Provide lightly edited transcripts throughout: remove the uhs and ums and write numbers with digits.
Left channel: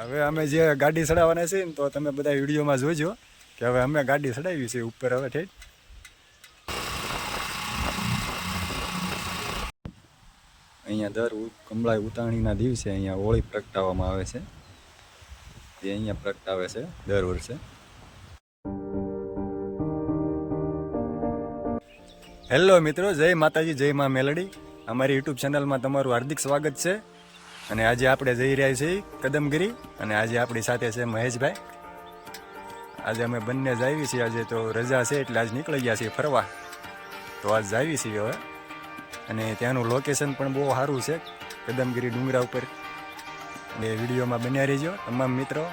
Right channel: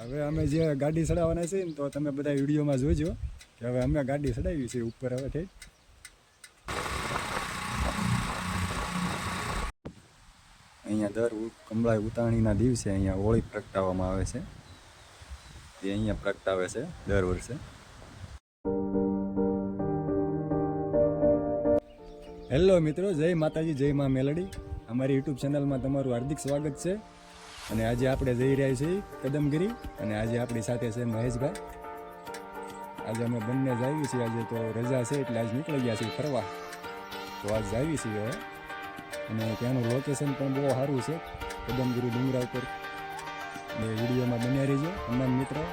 હવે અમે જે ગાડી ચડાવવાના છે ને તો તમે બધા વિડીયોમાં જોજો કે હવે અમે ગાડી ચડાવી છે ઉપર હવે ઠેઠ. અહીંયા દર કમળાઈ ઉતાણીના દિવસે અહીંયા હોળી પ્રગટાવવામાં આવે છે. એ અહીંયા પ્રગટાવે છે દર વર્ષે. હેલો મિત્રો, જય માતાજી, જય મા મેલડી. અમારી યુટ્યુબ ચેનલમાં તમારું હાર્દિક સ્વાગત છે. અને આજે આપણે જઈ રહ્યા છીએ કદમગીરી અને આજે આપણી સાથે છે મહેશભાઈ. આજે અમે બંને જ આવી છીએ. આજે તો રજા છે એટલે આજ નીકળી ગયા છીએ ફરવા. તો આજ આવી છીએ હવે. અને ત્યાંનું લોકેશન પણ બહુ સારું છે, કદમગીરી ડુંગરા ઉપર. એટલે વિડીયોમાં બન્યા રહેજો તમામ મિત્રો.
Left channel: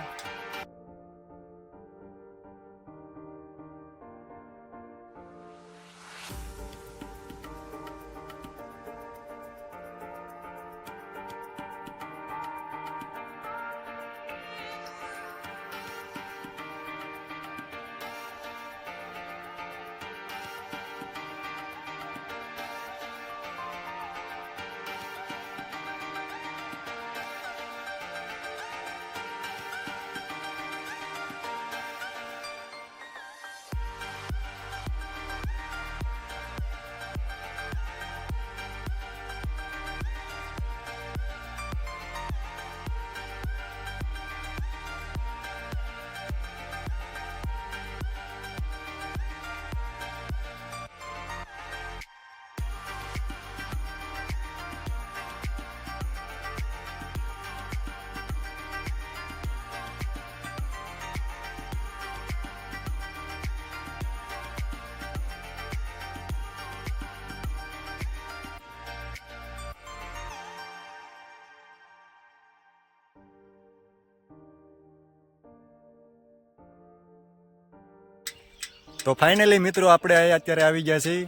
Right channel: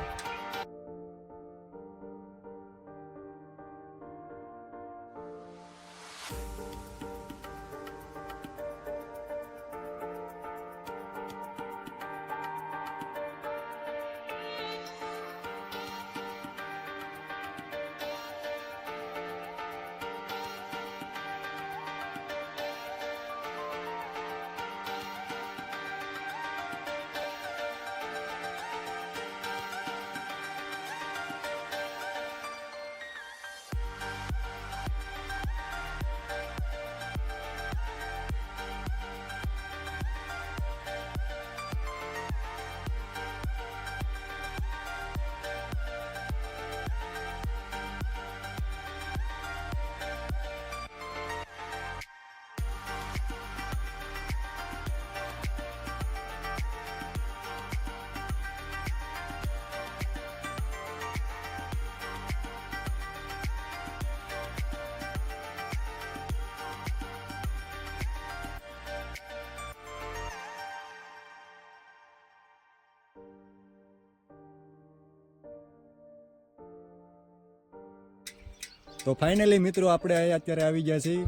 તો ફાઇનલી મિત્રો આપણે અત્યારે આવી ગયા છીએ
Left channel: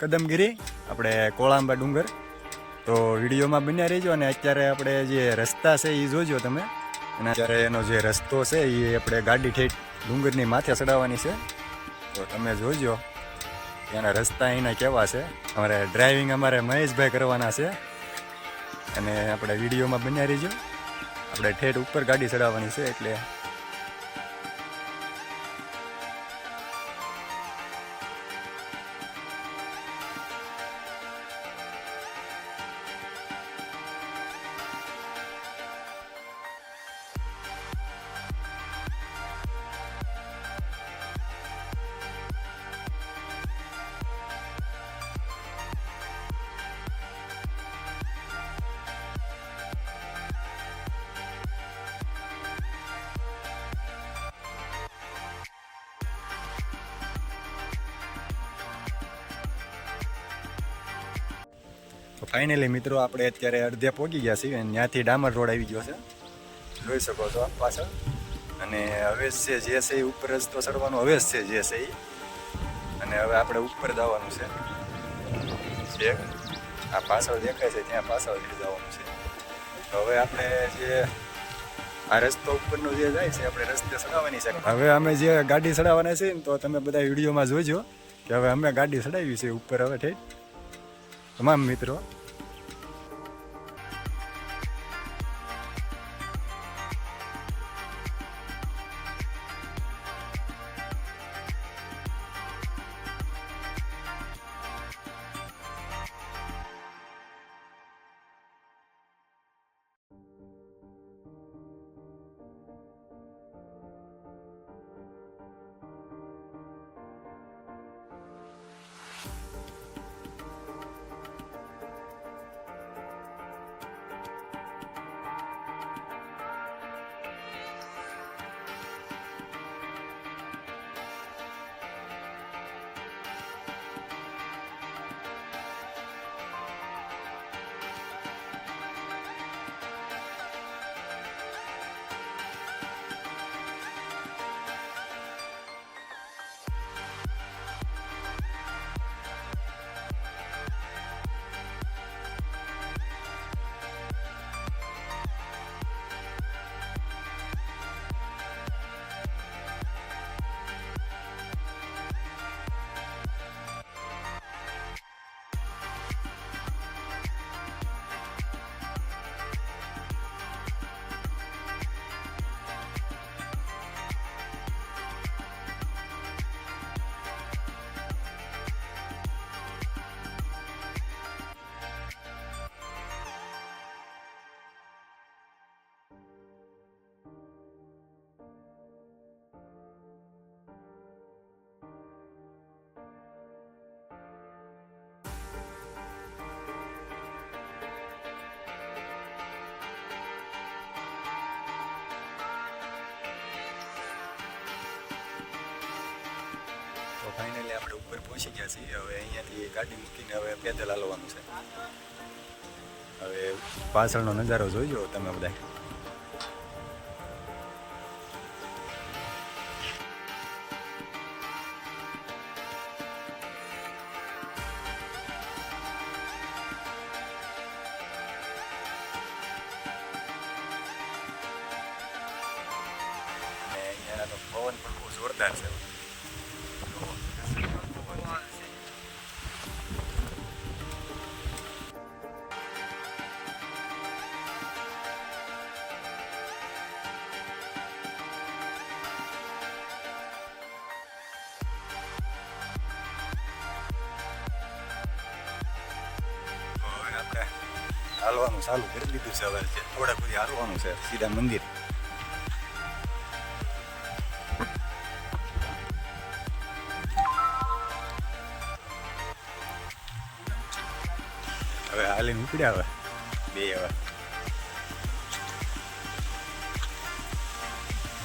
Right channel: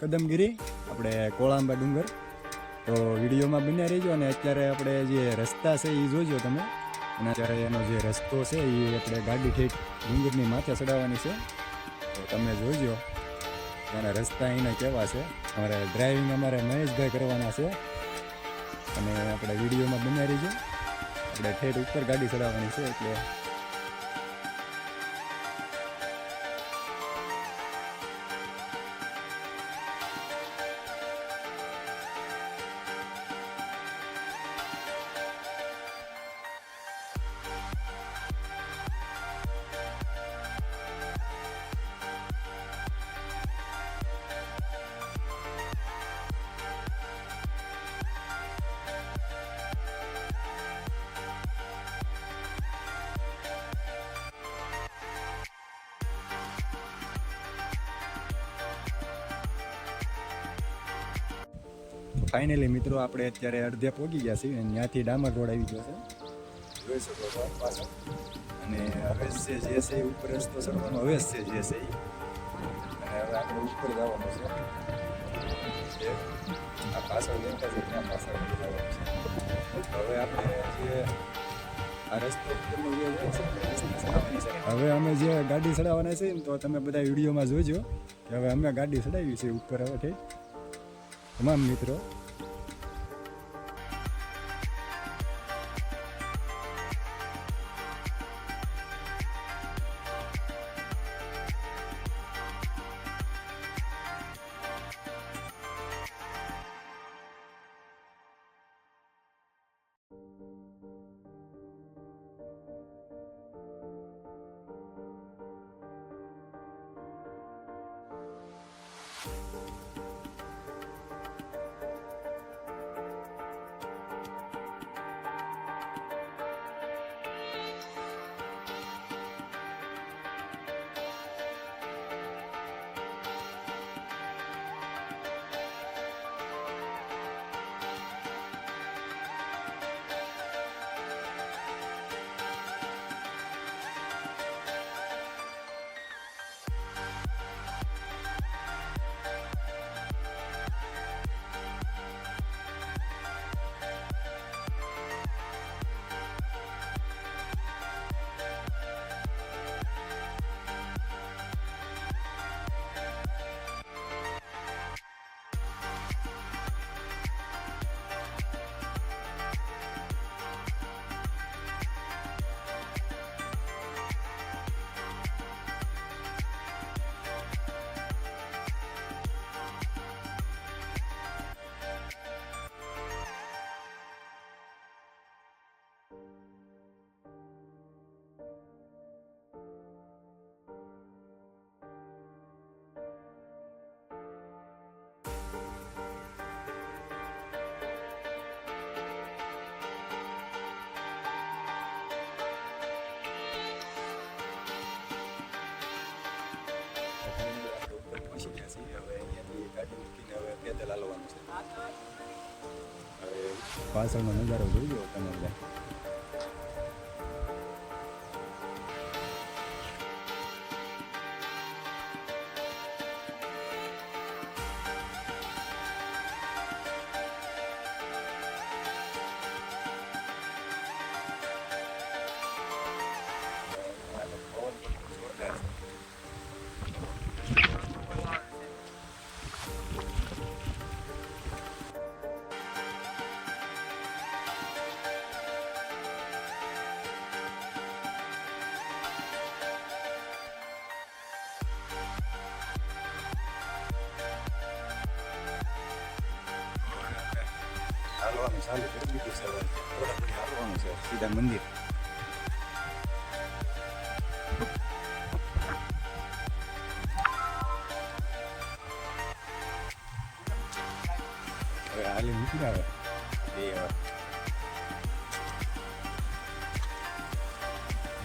કદમગીરી, આપણે કોળાંબા ડુંગર. તો વિડીયોમાં બન્યા રહેજો. અને અત્યારે આપણે જે રસ્તા છે એ જોજો તમે. અને અત્યારે એનો જે રસ્તો છે એ આપણે ગાડી ઠેઠ ડુંગરની માથે ચડાવવાની છે. તો તમે જોજો એના રસ્તા એના કેવા છે. અમારે ડ્રાઇવિંગ અમારે મહેશભાઈ કરવાના છે. અને આપણે વિડીયોમાં બન્યા રહેજો. આપણે ઠેઠ ઉપર ગાડી ચડાવવાની છે એટલે ફાઇનલી મિત્રો આપણે અત્યારે અડધે પહોંચી ગયા છીએ. અને ત્યાંથી ડામર રોડ આવી ગયો છે, જોઈ શકો છો પાછળ. અને હવે છે જે છે એ ઉપર રસ્તો ચડવાનો હવે છે જે છે એ. અને હવે આપણે ઉપર જવાનું છે. આ પાછળ દેખાય છે ત્યાં પાછળ જવાનું છે. તો હવે આપણે જે આ રસ્તો ઉપરનો જે જાય છે આપણે રસ્તે ચડાવવાની છે. હવે અમે જે ગાડી ચડાવવાના છે ને તો તમે બધા વિડીયોમાં જોજો કે હવે અમે ગાડી ચડાવી છે ઉપર હવે ઠેઠ તમામ મિત્રો. પહોંચી ગયા છીએ. હવે અહીંયાથી ગાડી મૂકીને હવે પેદલ હાલવાનું છે. હવે પાછળનો નજારો જોઈજો તમે બધા. અહીંયાનો પવન પણ બહુ જોરદાર છે. હાલવાનું ચાલુ કરી દીધું છે. હવે થોડા ઘડી હાલવાનું છે સીધા મંદિર. હવે હાલીને ઉપડ્યા હવે બે. હવે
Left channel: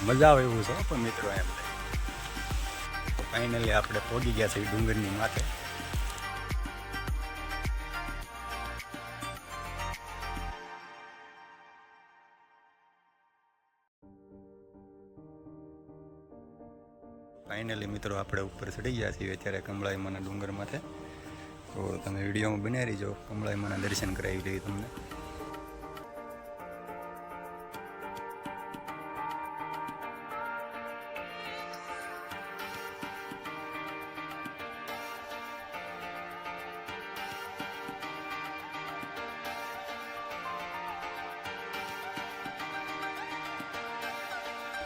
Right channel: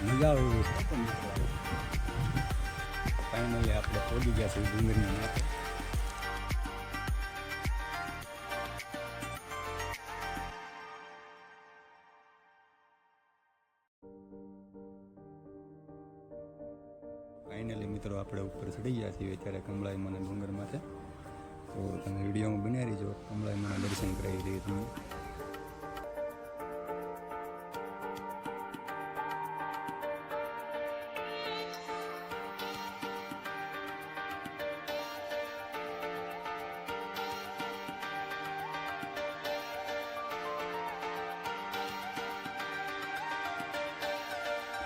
મજા આવે એવું છે પણ મિત્રો એમ. તો ફાઇનલી આપણે પહોંચી ગયા છે ડુંગરની માથે. ફાઇનલી મિત્રો આપણે ઉપર ચડી ગયા છીએ અત્યારે કમળાઈમાના ડુંગર માથે. તો તમે વિડીયોમાં બન્યા રહીજો, કમળાઈમાના દર્શન કરાવી લઈએ તમને.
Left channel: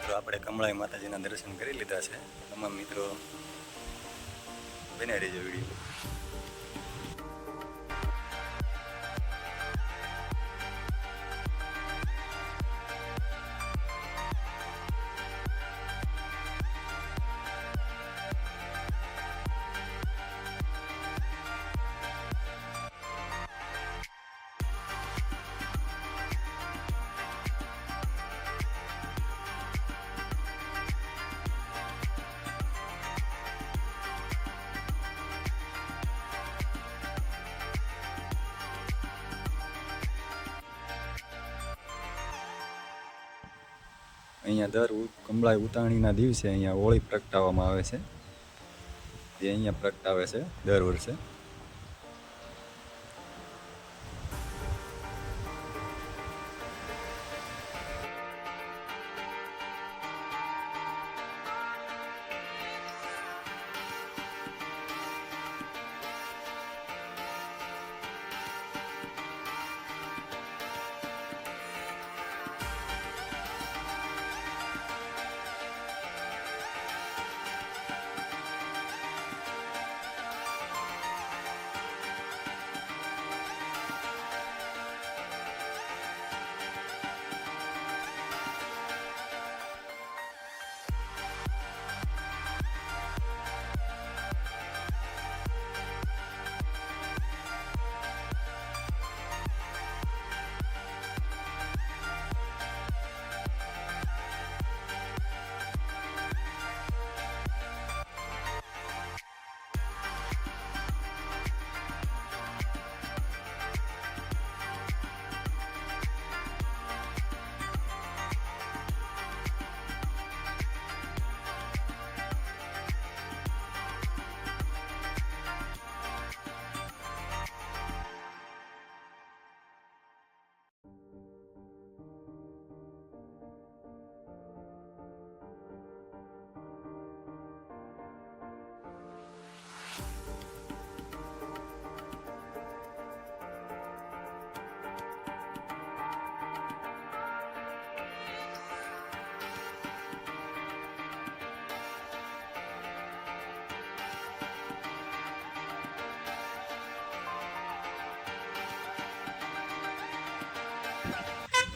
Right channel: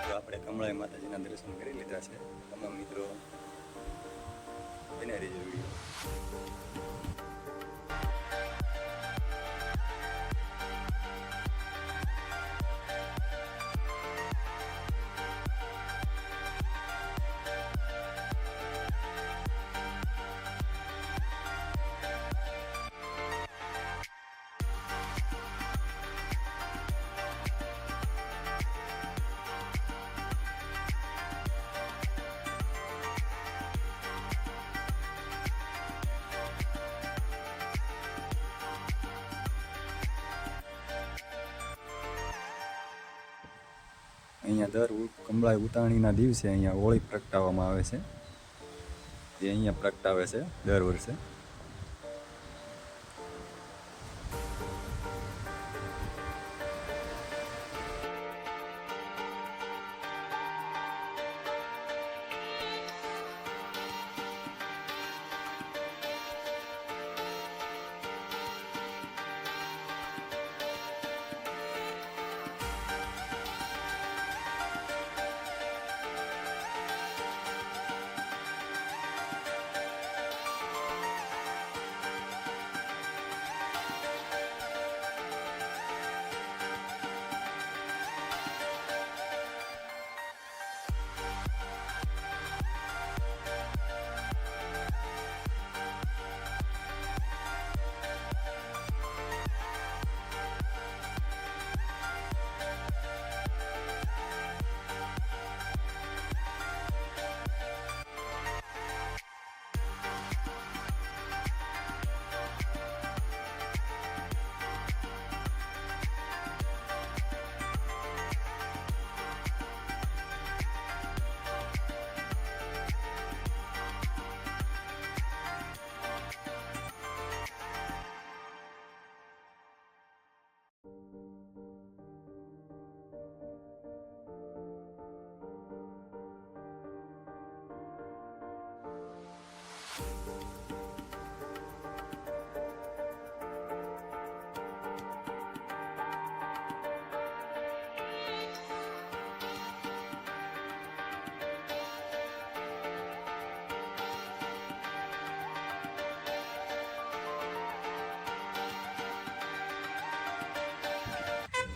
તો આપણે કમળાઈ માતાજીના દર્શન કરી લીધા છે. તમામ મિત્રો બન્યા રહેજો વિડીયો. અહીંયા દર કમળાઈ ઉતાણીના દિવસે અહીંયા હોળી પ્રગટાવવામાં આવે છે. જે અહીંયા પ્રગટાવે છે દર વર્ષે.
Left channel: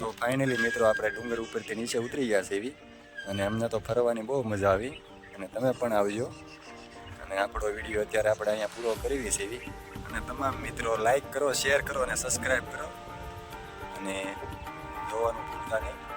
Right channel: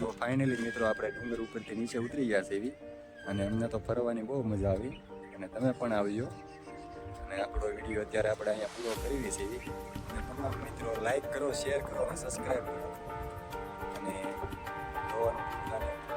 તો ફાઇનલી મિત્રો આપણે ડુંગર ઉપરથી નીચે ઉતરી ગયા છે એવી. અને અમને તો ફરવાની બહુ મજા આવી અને તમે પણ આવજો. અને આપણો વિડીયો અત્યારે આપણે અહીંયા પૂરો કરવી છે એવી. અને તમામ મિત્રો લાઈક કરો, શેર કરો અને સબસ્ક્રાઈબ કરો અને જોવાનું ભૂલતા નહીં.